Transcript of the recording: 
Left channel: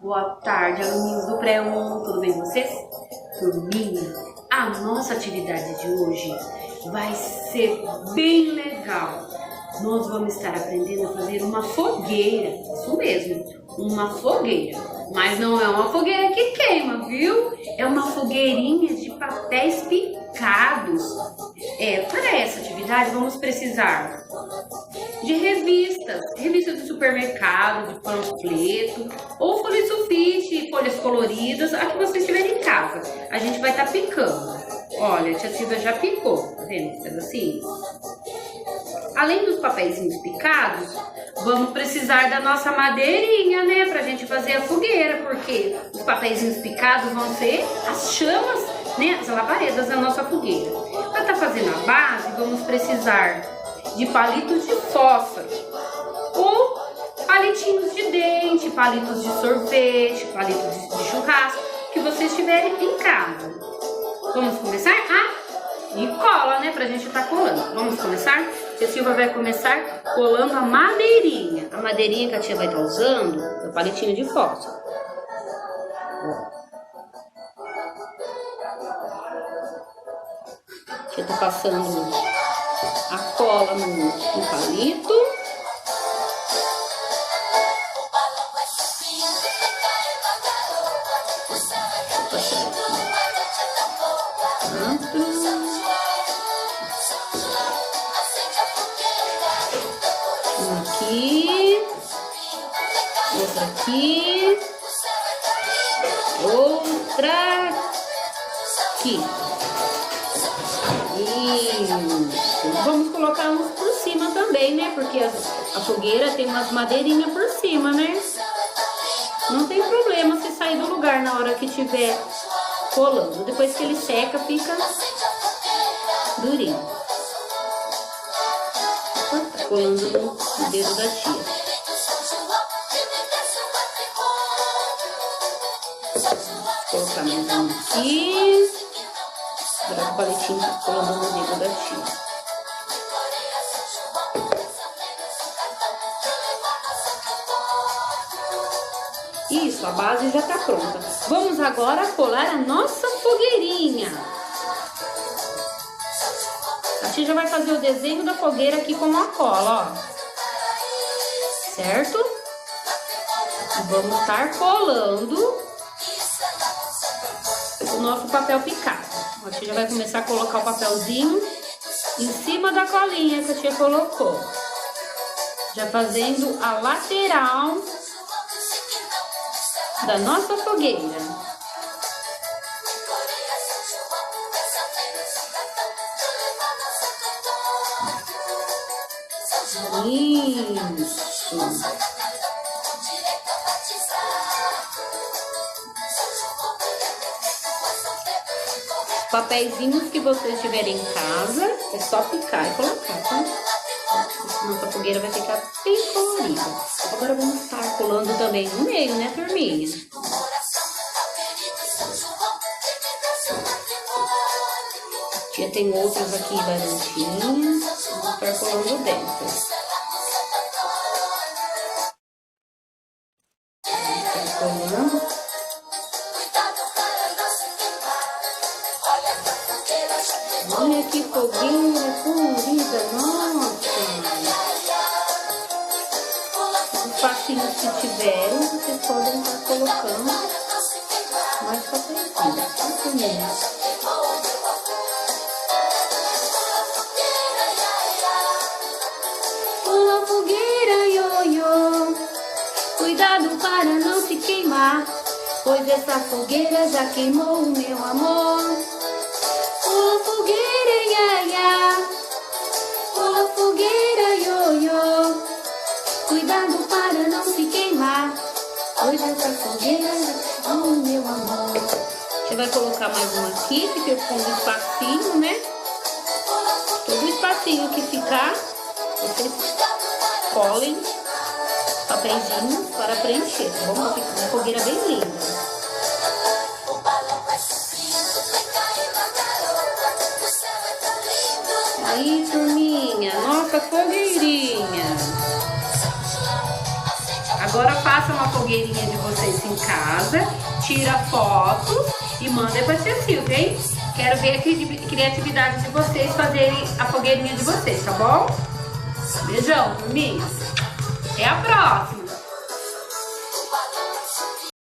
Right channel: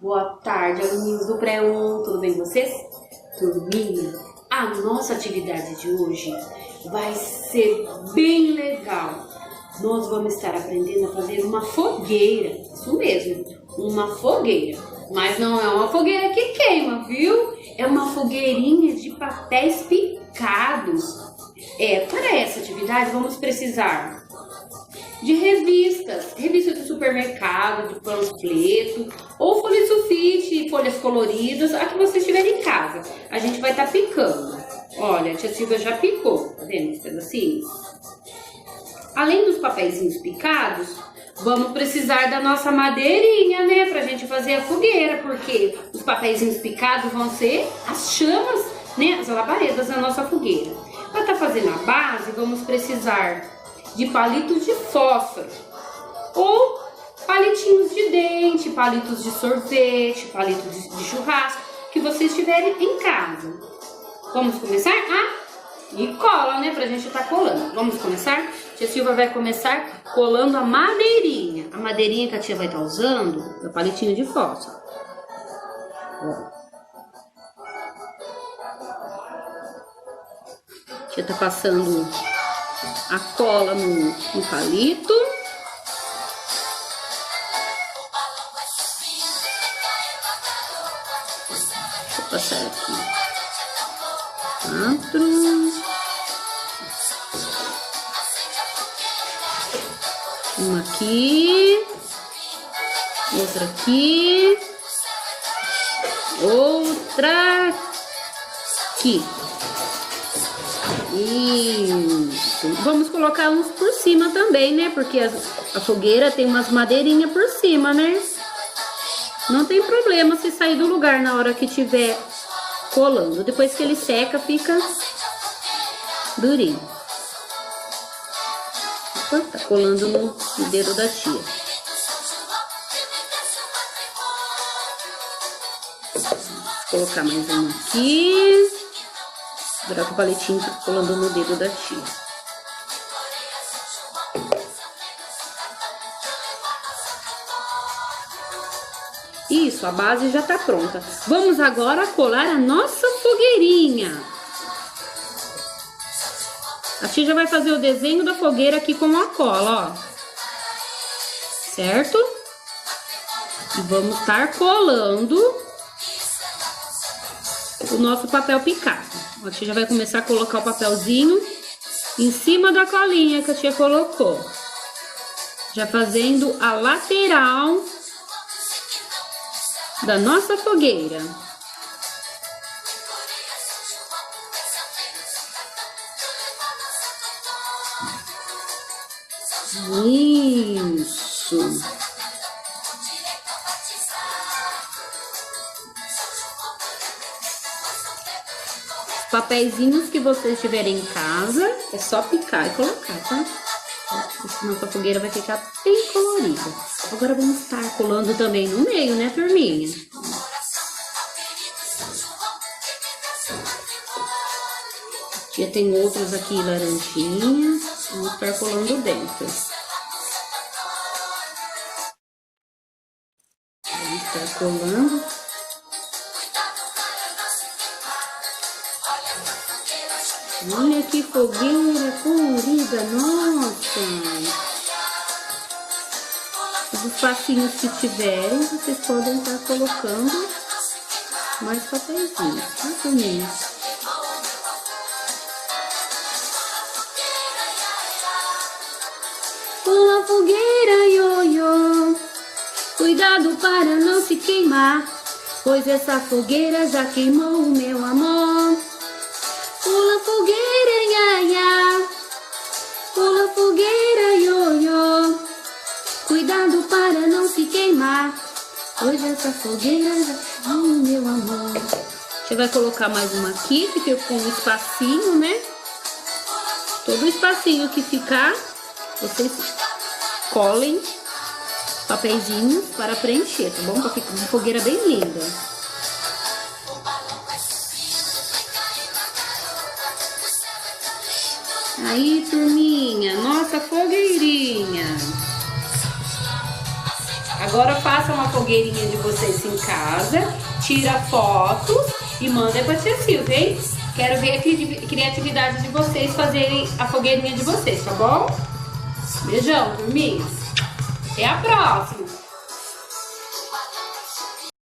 Boa tarde, aluninhos do Pré-1, tudo bem com vocês? Turminha, a nossa atividade de hoje vai ser bem legal. Nós vamos estar aprendendo a fazer uma fogueira, isso mesmo, uma fogueira. Mas não é uma fogueira que queima, viu? É uma fogueirinha de papéis picados. Para essa atividade vamos precisar de revistas do supermercado, de panfleto, ou folha de sulfite, folhas coloridas, a que vocês tiverem em casa. A gente vai estar picando. Olha, a tia Silvia já picou, tá vendo os pedacinhos? Além dos papeizinhos picados, vamos precisar da nossa madeirinha, né, pra gente fazer a fogueira, porque os papeizinhos picados vão ser as chamas, né, as labaredas da nossa fogueira. Para estar fazendo a base, vamos precisar de palitos de fósforo ou palitinhos de dente, palitos de sorvete, palitos de churrasco que vocês tiverem em casa. Vamos começar? E cola, né, pra gente estar colando. Vamos começar? Tia Silvia vai começar colando a madeirinha. A madeirinha que a tia vai estar usando é o palitinho de fósforo. A tia tá passando a cola no palito. Deixa eu passar aqui. 4. Uma aqui. Outra aqui. Outra aqui. Isso. Vamos colocar uns por cima também, né? Porque a fogueira tem umas madeirinhas por cima, né? Não tem problema se sair do lugar na hora que tiver colando. Depois que ele seca, fica durinho. Opa, tá colando no dedo da tia. Vou colocar mais um aqui. Segurar com o palitinho colando no dedo da tia. Isso, a base já tá pronta. Vamos agora colar a nossa fogueirinha. A tia já vai fazer o desenho da fogueira aqui com a cola, ó. Certo? E vamos estar colando o nosso papel picado. A tia já vai começar a colocar o papelzinho em cima da colinha que a tia colocou. Já fazendo a lateral da nossa fogueira. Isso. Papeizinhos que vocês tiverem em casa, é só picar e colocar, tá? Senão a fogueira vai ficar bem colorida. Agora vamos estar colando também no meio, né, turminha? Já tem outros aqui laranjinhas. Vamos estar colando dentro. Vamos estar colando. Olha que fogueira colorida, nossa! Os espacinhos que tiverem, vocês podem estar colocando mais papeizinhos, tá, turminha? Uma fogueira, ioiô, cuidado para não se queimar, pois essa fogueira já queimou o meu amor. Pula fogueira, ia, ia. Pula fogueira, ioiô. Cuidado para não se queimar, pois essa fogueira já queimou o meu amor. Você vai colocar mais uma aqui, que ficou um espacinho, né? Todo espacinho que ficar, vocês colhem papeizinhos para preencher, tá bom? Para ficar uma fogueira bem linda. Aí, turminha, nossa fogueirinha. Agora Agora façam uma fogueirinha de vocês em casa, tira fotos e manda pra tia Silvia, hein? Quero ver a criatividade de vocês fazerem a fogueirinha de vocês, tá bom? Beijão, turminha. Até a próxima.